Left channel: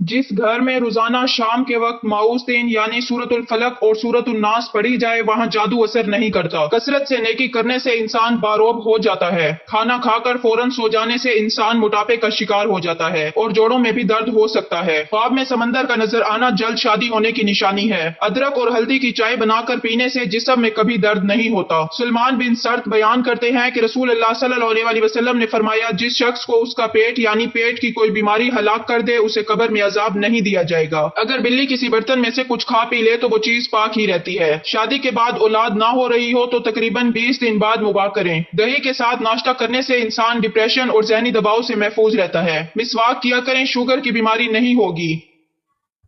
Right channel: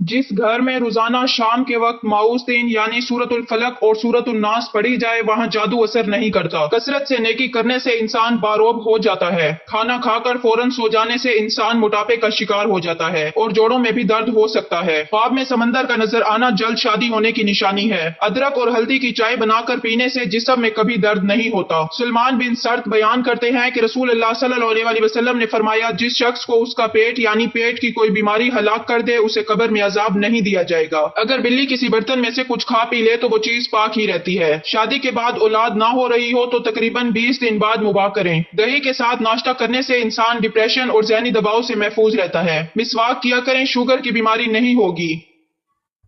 جس گھر میں روزانہ شام کے وقت معوذتین یعنی سورۃ الفلق اور سورۃ الناس پڑھی جائے وہاں جادو اثر نہیں کرتا۔ کثرت سے نیکی کرنے سے انسان باروب ہو جاتا ہے۔ کھانا کھا کر فوراً سو جانے سے انسان موٹاپے کا شکار ہو جاتا ہے اور جوڑوں میں بھی درد ہو سکتا ہے۔ خواب میں سمندر کا نظر آنا جلد شادی ہونے کی نشانی ہے۔ ادرک اور ہلدی کی چائے بنا کر پینے سے جسم میں کبھی درد نہیں ہوتا۔ سلمان بن سرد بیان کرتے ہیں کہ رسول اللہ صلی اللہ علیہ وسلم نے فرمایا، جس شخص کو اس کا پیٹ یعنی پیٹ کی کوئی بیماری ہلاک کر دے اسے قبر میں عذاب نہیں دیا جائے گا۔ اگر بلی کسی برتن میں سے کچھ کھا پی لے تو وہ چیز پاک ہی رہتی ہے۔ شادی کے بعد اولاد نہ ہو رہی ہو تو تقریباً 20 دن بعد مباح کریں۔ دہی کے ساتھ ناشتہ کرنے سے انسان ڈپریشن اور ذہنی دباؤ سے محفوظ رہتا ہے۔ مسواک کیا کریں، شوگر کی بیماری نہیں ہوگی۔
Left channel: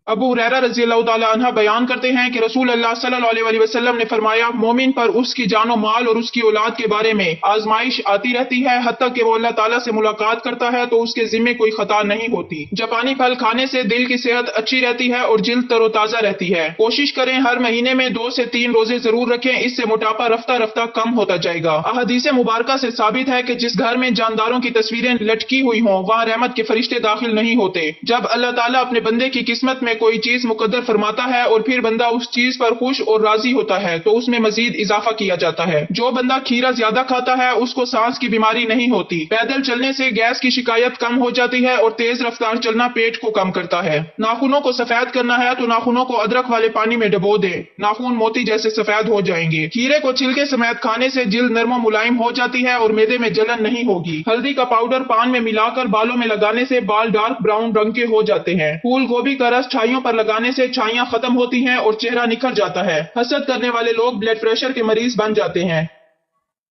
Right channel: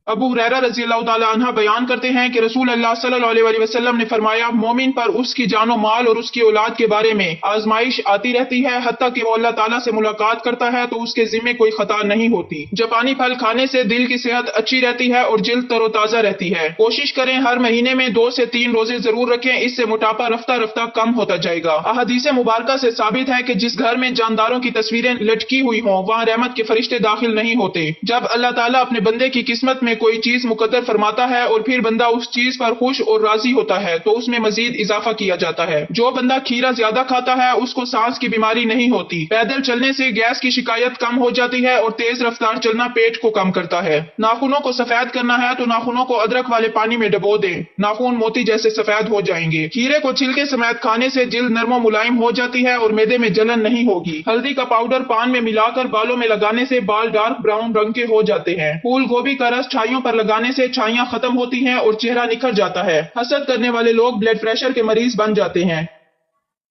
ابو ہریرہ رضی اللہ تعالی عنہ بیان کرتے ہیں کہ رسول اللہ صلی اللہ علیہ وسلم نے فرمایا، مومن پر اس کی جان و مال اور اس کی اولاد کے بارے میں آزمائش آتی رہتی ہے، حتیٰ کہ وہ اللہ تعالیٰ سے ملاقات کرتا ہے تو اس کے ذمے کوئی خطا نہیں ہوتی۔ جاپانی پھل کھانے سے دل کی صحت اچھی رہتی ہے اور جلد تر و تازہ رہتی ہے۔ کوشش کریں ہر مہینے میں 2 سے 3 روزے ضرور رکھیں، اس سے موٹاپا رفتہ رفتہ کم ہوتا جائے گا۔ احادیث مبارکہ سے ثابت ہے کہ جس گھر میں جانداروں کی تصویریں لٹکی ہوئی ہوں وہاں رحمت کے فرشتے داخل نہیں ہوتے۔ جب اللہ تعالیٰ اپنے بندے کی قسمت میں کوئی چیز مقدر فرماتا ہے اور پھر بندہ اس چیز پر خوش اور راضی ہوتا ہے تو اس میں مزید اضافہ کیا جاتا ہے۔ جو بندہ کھیرا زیادہ کھاتا ہے اس کو سانس کی بیماری نہیں ہوتی۔ پیدل چلنے سے گیس کی شکایت کم ہو جاتی ہے اور تیز رفتار چلنا پیٹ کو کم کرتا ہے۔ ناخنوں کو سفید کرنا ہے تو ناخنوں کو ادرک والے پانی میں ڈبو دے، ناخن موتی جیسے سفید ہو جائیں گے۔ کھیرے کو چھلکے سمیت کھانے سے جلد نرم و ملائم ہو جاتی ہے اور معدے میں جلن نہیں ہوگی۔ ہلدی کا پاؤڈر پان میں ملا کر بالوں میں لگانے سے بال ڈارک براؤن رنگ کے ہو جاتے ہیں۔ پھول گوبھی کا رس چھائیوں پر لگانے سے چھائیاں ختم ہوتی ہیں اور چہرہ نکھر جاتا ہے۔ حسد کرنے والے لوگ بلڈ پریشر کے مریض بن جاتے ہیں۔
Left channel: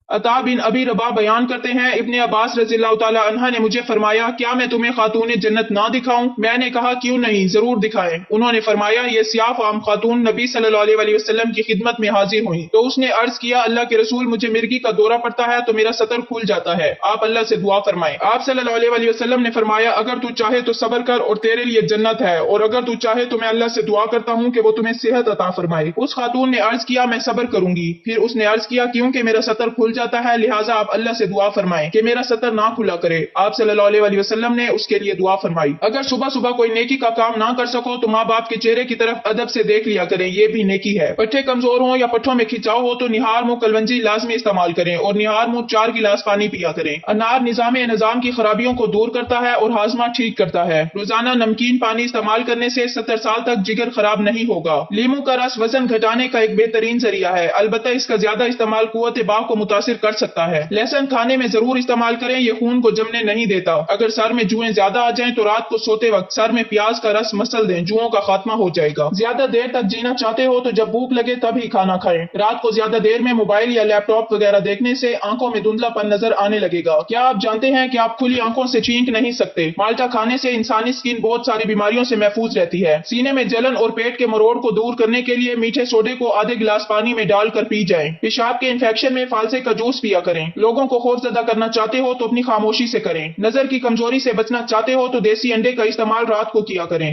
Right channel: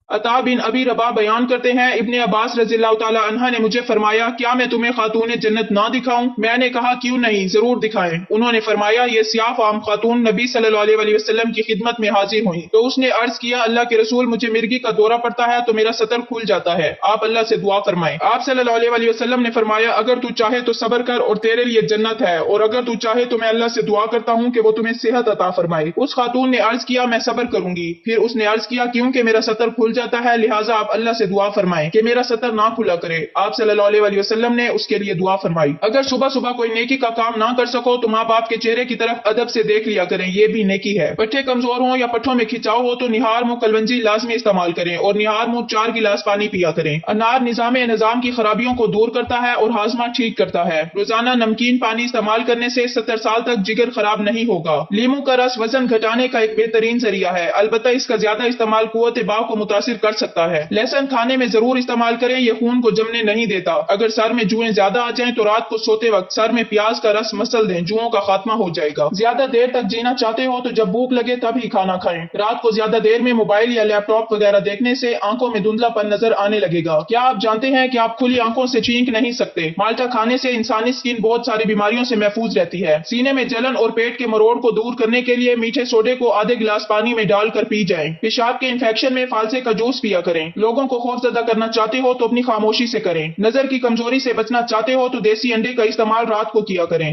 عطا بن ابی رباح بیان کرتے ہیں، ابن عباس رضی اللہ تعالی عنہ نے مجھے فرمایا، کیا میں تمہیں خاتون جنت نہ دکھاؤں؟ میں نے کہا کیوں نہیں، ضرور دکھائیں۔ انہوں نے فرمایا، یہ سیاہ فام خاتون نبی صلی اللہ علیہ وسلم کی خدمت میں حاضر ہوئی تو اس نے عرض کیا، اللہ کے رسول مجھے مرگی کا دورہ پڑتا ہے تو میرا سطر کھل جاتا ہے، آپ اللہ سے دعا فرمائیں۔ آپ صلی اللہ علیہ وسلم نے فرمایا، اگر تو چاہے تو صبر کر اور تیرے لیے جنت ہے، اور اگر تو چاہے تو میں اللہ سے دعا کرتا ہوں کہ وہ تمہیں صحت عطا فرمائے۔ اس خاتون نے عرض کیا، میں صبر کروں گی۔ پھر اس نے عرض کیا، کیونکہ میرا سطر کھل جاتا ہے لہٰذا آپ اللہ سے دعا فرمائیں کہ میرا سطر نہ کھلا کرے۔ آپ صلی اللہ علیہ وسلم نے اس کے لیے دعا فرمائی۔ اگر صبح صبح کوئی نیکی کا کام نہ کر سکو تو ماں باپ کے چہرے کی طرف ادب سے دیکھ لیا کریں، یہ بھی نیکی ہے۔ پٹھے کمزور ہوں یا پٹھوں میں کھچاؤ ہو تو نہار منہ کلونجی لازمی استعمال کریں اور نہار منہ 4 گلاس پانی پیا کریں۔ انار نظام کی خرابیوں کو دور کرتا ہے اور ہاضمہ ٹھیک کرتا ہے۔ روزانہ نمکین پانی استعمال کرنے سے 70 سال تک جگر خراب نہیں ہوگا۔ لیمو کا رس وزن گھٹانے کا ایک بہترین ذریعہ ہے، البتہ اس کا زیادہ استعمال قوت باہ کو متاثر کر سکتا ہے۔ لہسن کھانے میں ضرور استعمال کریں، یہ خون کو جمنے نہیں دیتا۔ اگر سر میں جوئیں زیادہ آ جائیں تو رات کو سوتے وقت سر میں پیاز کا رس مسل دیں، جوؤں کا خاتمہ ہو جائے گا۔ زیادہ دیر تک جینا چاہتے ہو تو جب بھوک لگے تب ہی کھانا کھائیں۔ رات کو زیادہ دیر میں موبائل یا لیپ ٹاپ وغیرہ دیکھنے سے آنکھوں میں دھندلا پن نظر آنے لگے گا۔ کیا آپ جانتے ہیں کہ آپ کھلی آنکھوں سے چینک نہیں سکتے؟ مالٹا کھانے سے انسانی سکن بہت ساری بیماریوں سے محفوظ رہتی ہے۔ سینے میں جلن اور پیٹ کے مروڑ کو دور کرنے کے لیے میٹھے سوڈے کو آدھے گلاس پانی میں ڈال کر پی جائیں۔ پیشاب کے انفیکشن میں فالسے کا جوس پیا کریں۔ لوگوں کو خوفزدہ کرنا چاہتے ہو تو اپنی خاموشی سے کریں۔ نظر کی کمزوری سے بچنا چاہتے ہو تو دیسی انڈے کا استعمال رات کو کیا کریں۔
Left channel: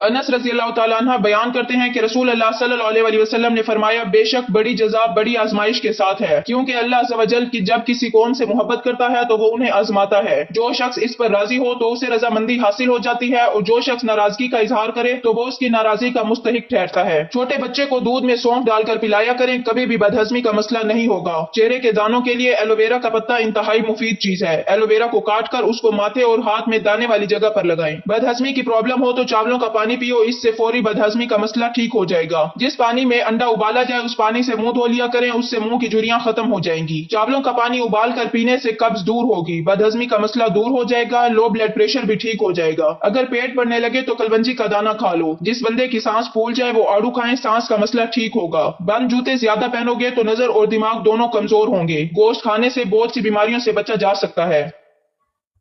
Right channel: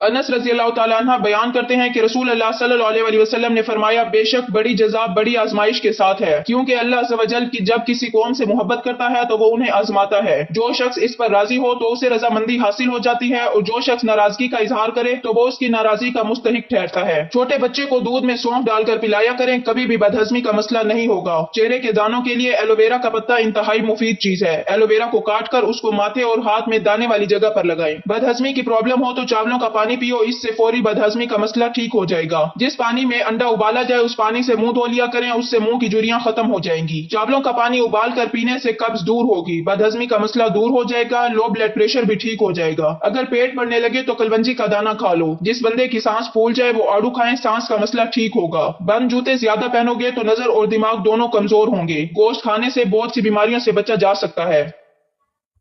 انس رضی اللہ تعالیٰ عنہ بیان کرتے ہیں کہ رسول اللہ صلی اللہ علیہ وسلم نے فرمایا، بے شک بڑی جزا بڑی آزمائش کے ساتھ ہے، کیونکہ اللہ عز و جل کی جب کسی قوم سے محبت کرتا ہے تو وہ انہیں آزماتا ہے۔ جو شخص اس پر راضی ہو تو اسے رضامندی حاصل ہو جاتی ہے اور جو شخص ناراضگی کا اظہار کرے تو وہ اس کی ناراضی کا مستحق ٹھہرتا ہے۔ چھوٹے بچے کو دودھ میں سونف ڈال کر پلایا کریں، کبھی بھی بدہضمی کا مسئلہ نہیں ہوگا۔ چہرے کے دانوں کے لیے ایلو ویرا کا پتا انتہائی مفید چیز ہے۔ ایلو ویرا کو کاٹ کر اس کو ماتھے اور ہاتھ میں دانے والی جگہ پر لگائیں۔ بدہضمی کی پرابلم ہو تو چاولوں کا پانی پیو، اس سے فوری بدہضمی کا مسئلہ ٹھیک ہو جائے گا۔ جس پانی میں انڈا ابالا جائے اس پانی سے منہ دھو لیا کریں، اس سے منہ کی جھریاں ختم ہو جائیں گی۔ چاولوں کا پانی ابال کر پینے سے قبض دور ہوگی، بدہضمی کا مسئلہ دور ہو جائے گا، لو بلڈ پریشر بھی ٹھیک ہو جائے گا۔ اگر پیٹ بڑھنے لگے تو کلونجی کا دانہ کھا لو۔ جس بندے کی سانس پھول جائے وہ آڑو کھائیں، سانس کا مسئلہ ٹھیک ہوگا۔ بند جوتے زیادہ پہنو گے تو نظر اور دماغ دونوں کمزور ہوں گے۔ گوشت کھانے سے بہت سی بیماریوں سے بچا جا سکتا ہے۔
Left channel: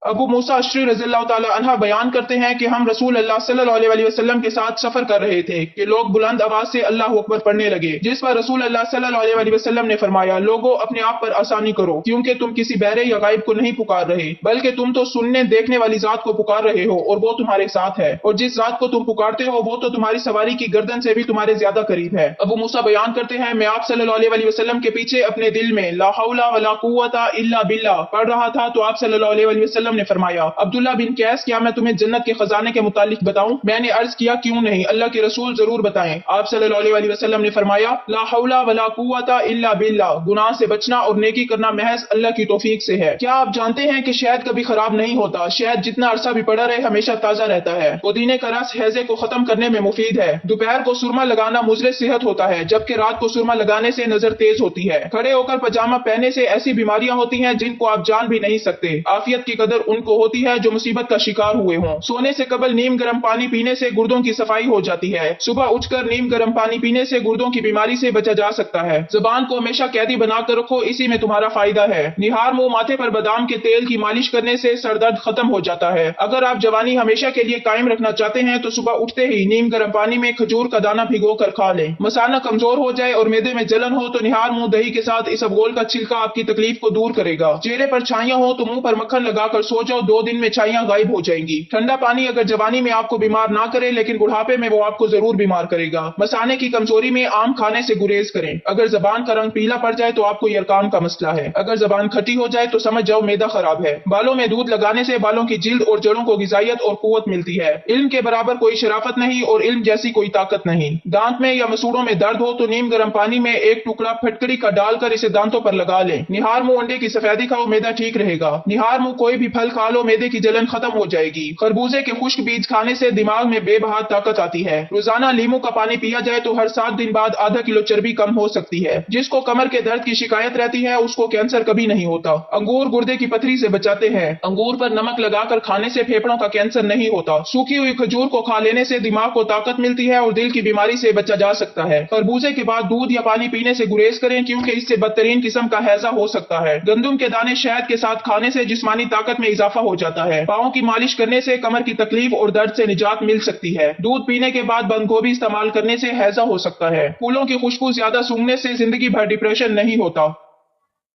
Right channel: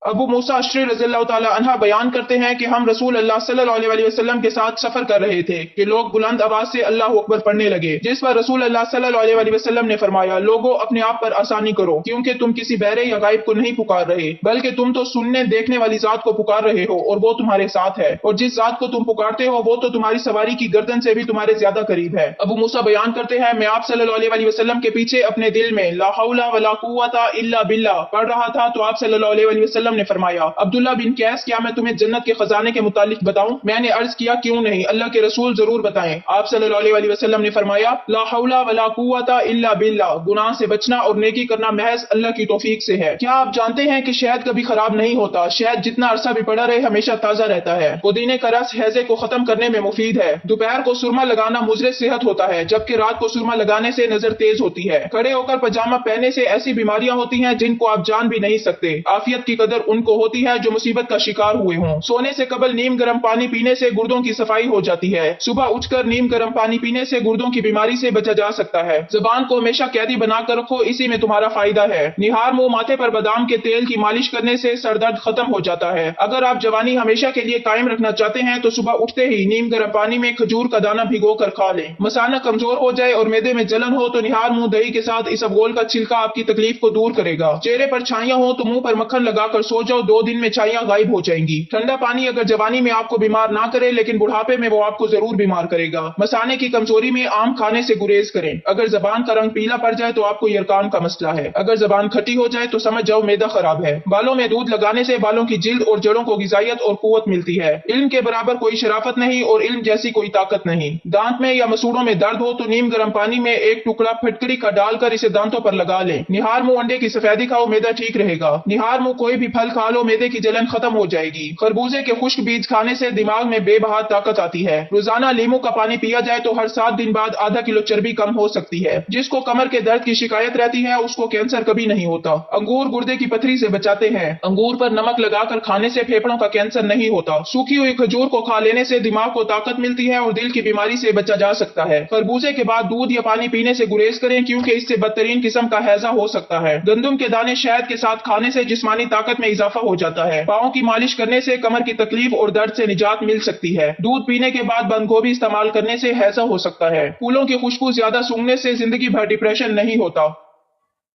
ابو موسیٰ اشعری رضی اللہ تعالی عنہ بیان کرتے ہیں کہ ہم رسول اللہ صلی اللہ علیہ وسلم کے ساتھ سفر کر رہے تھے کہ لوگ بلند آواز سے اللہ اکبر پڑھنے لگے، جس پر رسول اللہ صلی اللہ علیہ وسلم نے فرمایا، لوگوں اپنے آپ پر آسانی کرو، کیونکہ تم کسی بہرے یا غائب کو نہیں پکار رہے بلکہ تم تو سننے دیکھنے والی ذات کو پکار رہے ہو اور وہ تمہارے ساتھ ہے، اور جس ذات کو تم پکارتے ہو وہ تو تمہاری سواری کی گردن سے بھی تمہارے زیادہ قریب ہے۔ ابو موسیٰ بیان کرتے ہیں، میں آپ صلی اللہ علیہ وسلم کے پیچھے اپنے دل میں لا حول ولا قوت الا باللہ پڑھ رہا تھا تو آپ صلی اللہ علیہ وسلم وسلم نے فرمایا، عبداللہ بن قیس کیا میں تمہیں جنت کے خزانے کے متعلق بتاؤں؟ میں نے عرض کیا کیوں نہیں، اللہ کے رسول ضرور بتائیں۔ آپ صلی اللہ علیہ وسلم نے فرمایا، لا حول ولا قوت الا باللہ، گناہ سے بچنا اور نیکی کرنا محض اللہ کی توفیق سے ہے۔ کیا آپ جانتے ہیں کہ شہد کبھی خراب نہیں ہوتا؟ شہد جتنا عرصہ بھی پڑا رہے ہمیشہ تازہ رہتا ہے۔ پودینے کا رس ہیضے کو ختم کرنے میں مفید ہے۔ دوپہر کو سرما لگانا مضر صحت ہوتا ہے، جبکہ رات کو سرما لگانے سے نظر تیز ہوتی ہے۔ کھڑے ہو کر پاجامہ پہننے سے ایسی بیماریاں ہوتی ہیں جن کو آپ جان بھی نہیں سکتے۔ عافیت کی قدر ان کو ہوتی ہے جو مصیبت کا شکار ہوئے ہوں۔ سونے سے قبل نیم گرم پانی پینے سے گردوں کی صفائی ہو جاتی ہے۔ صبح اٹھ کر نیم گرم پانی پینے سے گردوں کی بیماری سے بچا جا سکتا ہے۔ زبان کو ہمیشہ قیدی بنا کر رکھو، اسی میں تمہارا فائدہ ہے۔ نہار منہ ماتھے پر بادام کے تیل کی مالش کرنے سے سر درد ختم ہو جاتا ہے۔ اگر آپ جوانی ہمیشہ کے لیے قائم رکھنا چاہتے ہیں تو صبح اٹھتے ہی نیم گرم پانی میں کھجور کا دانہ بھگو کر کھا لیں۔ مثانہ کمزور ہو جائے اور معدے میں جلن ہو تو نہار منہ دہی کے ساتھ اسبگول کا چھلکا آپ کی تکلیف کو دور کرے گا۔ چہرے پر چھائیاں ہو تو منہ پر مکھن لگا کر سو جاؤ، 2 دن میں چھائیاں غائب ہو جائیں گی۔ ٹھنڈا پانی اگر جوانی میں آپ کو بیمار نہ کرے لیکن بڑھاپے میں وہ آپ کو ضرور بیمار کرے گا۔ مثانے کی کمزوری میں آم کھانے سے گریز کریں۔ اگر زبان کا رنگ پیلا پڑ جائے تو آپ کو یرقان کا مسئلہ ہے۔ اگر زبان کھٹی ہو جائے تو سمجھ جاؤ معدہ خراب ہے۔ بالوں میں دودھ لگانے سے بالوں کی جلد اور جڑوں کو غذائیت اور قوت ملتی ہے۔ علم کے برابر کوئی شرافت نہیں اور علم جیسی کوئی طاقت نہیں۔ دانت میں یا مسوڑوں میں درد ہو تو نیم گرم پانی میں ایک ٹکڑا پھٹکڑی کا ڈال کر اسے دانتوں پر لگا لیں۔ نہار منہ انڈے کی سفیدی کھاؤ، معدہ ٹھیک رہے گا۔ نہار منہ کوئی بھی پھل کھا لو، معدے کی جلن ختم ہو جائے گی۔ خربوزے کے خشک بیج کھانے سے دماغ میں بے بہا طاقت آتی ہے۔ روزانہ لیموں کا پانی پیا جائے تو ہر 7 دن بعد آدھا کلو چربی کم ہو سکتی ہے۔ جس کو کمر کے درد کی شکایت رہتی ہے اس کو کینسر کبھی نہیں ہوتا۔ انگور گردے کی پتھری سے بچاتے ہیں۔ انگور پر نمک لگا کر کھانے سے پھیپھڑوں کا کینسر نہیں ہوتا۔ سوکھی ہوئی کھجور کو کھا لینے سے دماغ کو طاقت ملتی ہے اور دل کی بیماری سے بچا جا سکتا ہے۔ خربوزے کے بعد دودھ یا پانی پینے سے گریز کریں کیونکہ اس سے بدترین قسم کا ہیضہ ہو سکتا ہے۔ گندم کے دانے شہد کے ساتھ کھانے سے جسمانی طاقت میں اضافہ ہو جاتا ہے۔ پاؤں کی مالش کرنے سے کمر کی تکلیف اور درد سے نجات مل سکتی ہے۔ دودھ پینے کے بعد بند گوبھی استعمال کرنے سے ہیضہ ہو سکتا ہے۔ پھولوں کی خوشبو زیادہ سونگھنے سے زندگی بھر ڈپریشن نہیں ہوتا۔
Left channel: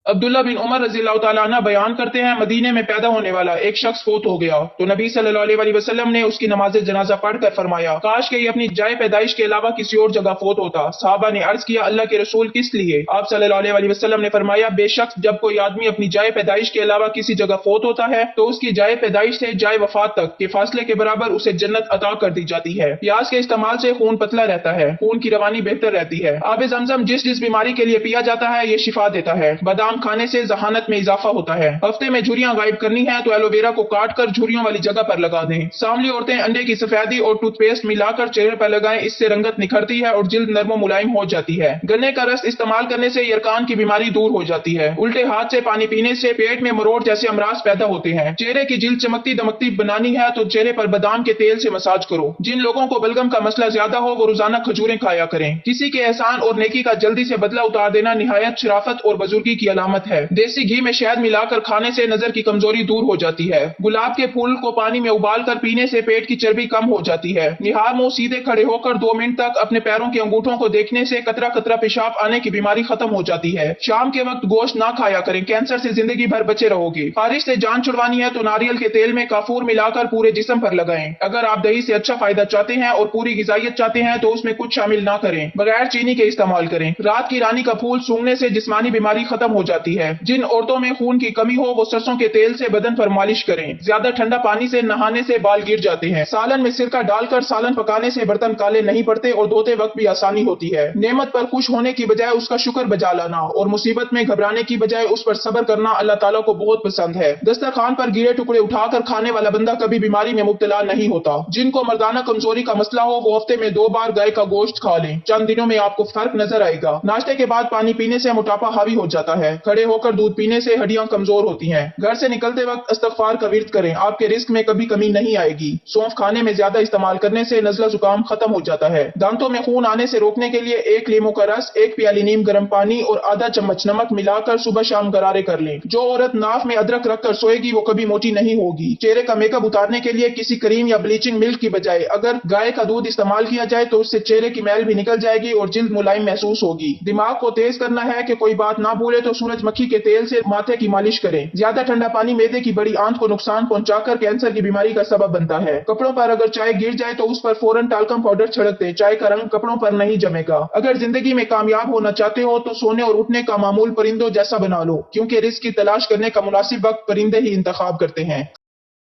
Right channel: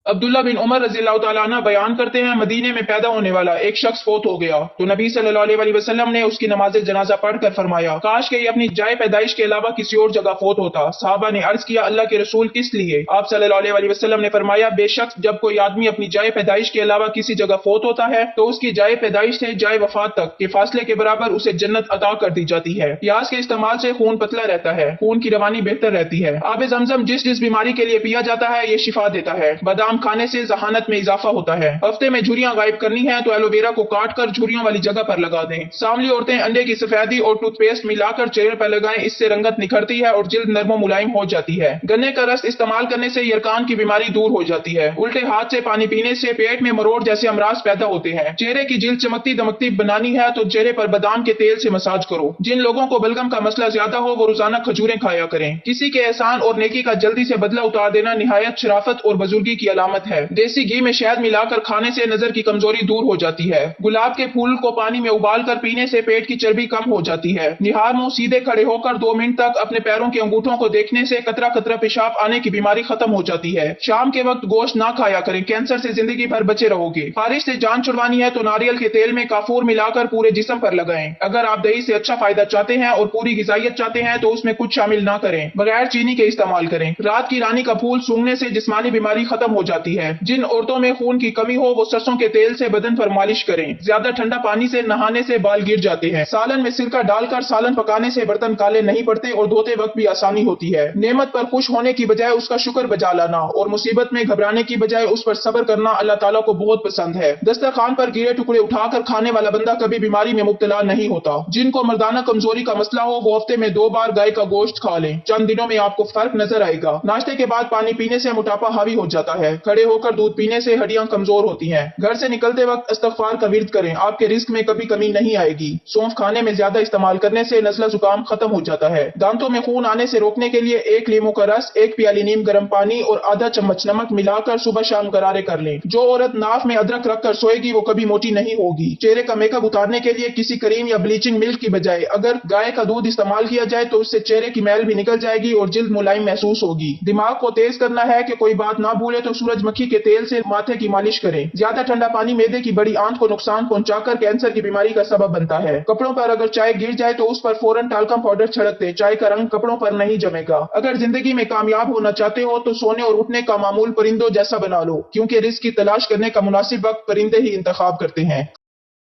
عبداللہ بن عمر رضی اللہ تعالیٰ عنہ بیان کرتے ہیں، مدینے میں پیدا ہونے والا ایک شخص فوت ہو گیا تو نبی صلی اللہ علیہ وسلم نے اس کی نماز جنازہ پڑھ کر فرمایا، کاش کہ یہ اپنی جائے پیدائش کے علاوہ کسی اور جگہ فوت ہوتا۔ صحابہ نے عرض کیا، اللہ کے رسول کس لیے؟ آپ صلی اللہ علیہ وسلم نے فرمایا، بے شک جب کوئی آدمی اپنی جائے پیدائش کے علاوہ کسی جگہ فوت ہوتا ہے تو اس کی جائے پیدائش سے جائے وفات تک کے فاصلے کے برابر اسے جنت عطا کر دی جاتی ہے۔ پیاز کے استعمال سے خون پتلا رہتا ہے، خون کی روانی بہتر رہتی ہے۔ آب زمزم جس بیماری کے لیے پیا جاتا ہے یہ شفا دیتا ہے۔ بادام کھانے سے ذہانت میں اضافہ ہوتا ہے۔ ہفتے میں جھریاں غائب کرنی ہے تو ایلو ویرا کو کاٹ کر جھریوں والی جگہ پر لگا دیں۔ سانولی عورتیں انڈے کی سفیدی اور ٹوتھ پیسٹ ملا کر چہرے پر لگائیں، اس سے رنگت نکھرتی ہے اور جلد نرم و ملائم ہو جاتی ہے۔ گنے کا رس استعمال کرنے سے یرقان کی بیماری دور ہو جاتی ہے۔ الٹے ہاتھ سے پانی پینے سے پیٹ میں مروڑ جیسے امراض پیدا ہوتے ہیں۔ چہرے کی جلد چمکتی دمکتی بنانی ہے تو چہرے پر بادام کے تیل سے مساج کرو۔ جن لوگوں کو بلغم کا مسئلہ زیادہ ہو وہ روزانہ کھجوریں کھایا کریں۔ کسی کے احسان اور نیکی کا جلدی سے بدلہ اتار دینا نہایت شرافت اور بزرگی کی علامت ہے۔ دیسی گھی میں شہد ملا کر کھانے سے نظر کی کمزوری دور ہو جاتی ہے۔ گلاب کے پھول کو پانی میں ابال کر پینے سے پیٹ کی چربی کم ہو جاتی ہے۔ نہار منہ سیدھے کھڑے ہو کر 2 منٹ تک اپنے پیروں کے انگوٹھوں کو دیکھنے سے قطرہ قطرہ پیشاب آنے کی بیماری ختم ہو جاتی ہے۔ شام کے وقت گوشت نہ کھایا کریں، کینسر سے زندگی بھر بچے رہو گے۔ خارش سے جان چھڑوانی ہے تو ناریل کے تیل میں کافور ملا کر پورے جسم پر لگائیں۔ اگر آپ دہی سے اچھا فائدہ چاہتے ہیں اور پوری غذائیت چاہتے ہیں تو اس میں کچھ شامل نہ کریں، بغیر چینی کے استعمال کریں۔ رات کی رانی کا پھول سونگھنے سے جسمانی بیماری ختم ہو جاتی ہے۔ جن عورتوں میں خون کی کمی ہو وہ سرسوں کے تیل سے بدن پر مالش کریں۔ زیادہ ٹھنڈا پانی سے نہانے سے بال گر جاتے ہیں۔ سالن میں سرکہ ڈال کر سالن پکانے سے برتن کالے نہیں پڑتے اور دھوتے وقت بھی آسانی ہوتی ہے۔ نعمت پر خوش ہونے کی بجائے اس کا شکر بجا لانا اور مصیبت میں گھبرانے کی بجائے اس پر صبر کرنا اللہ تعالیٰ کو بہت پسند ہے۔ دسترخوان پر گرے ٹکڑے اٹھا کر کھانے والا بندہ کبھی بیماری میں مبتلا نہیں ہوتا۔ جن کو مردانہ کمزوری کا مسئلہ ہو وہ ہفتے میں 2 بار گائے کا گوشت کھا لیں، چند دنوں میں آپ کو فرق نظر آئے گا۔ ناشتے کے بعد پانی پینے سے موٹاپا حاوی ہو جاتا ہے۔ کھڑے ہو کر دودھ پینے سے ہڈیاں کمزور ہوتی ہیں۔ گھر سے نکلتے وقت استغفار کا ورد کریں، آپ کے رزق میں کبھی کمی نہیں آئے گی۔ سونف کھانے میں زیادہ استعمال کرنے سے نزلہ زکام ختم ہو جاتا ہے۔ دانتوں میں خون آنے سے روکنے کے لیے 1 لیموں کا رس، 1 پیالی نیم گرم پانی اور آدھا چمچ نمک ملا کر صبح شام غرارے کر لیں۔ جو عورت ناف میں ادرک رکھ کر سوئے گی وہ کبھی موٹی نہیں ہوگی۔ چہرے کا میک اپ اتارنے کے لیے کسی کریم یا بلیچنگ ملک کی بجائے اگر گائے کا دودھ استعمال کیا جائے تو اس سے چہرے کی میل بھی نکل جائے گی اور جلد ملائم محسوس ہوگی۔ دماغ کو تیز کرنا ہے کہ کوئی بات نہ بھولے تو سورج مکھی کے تیل سے ماتھے کی مالش کریں۔ زیادہ ٹھنڈا پانی معدے کی بڑی آنت کو نقصان پہنچا کر کینسر کی بیماری کا سبب بنتا ہے۔ کپڑوں پر اگر چائے گر جائے تو اس پر فوراً ٹالکم پاؤڈر چھڑک دیں، چائے کا رنگ کپڑوں پر نہیں جمے گا۔ اگر زندگی میں کامیاب ہونا چاہتے ہو تو سونے اور اٹھنے کا معمول پرندوں جیسا بنا لو، کیونکہ رزق کی تلاش کرنے کا مناسب وقت پرندے ہی انتخاب کرتے ہیں۔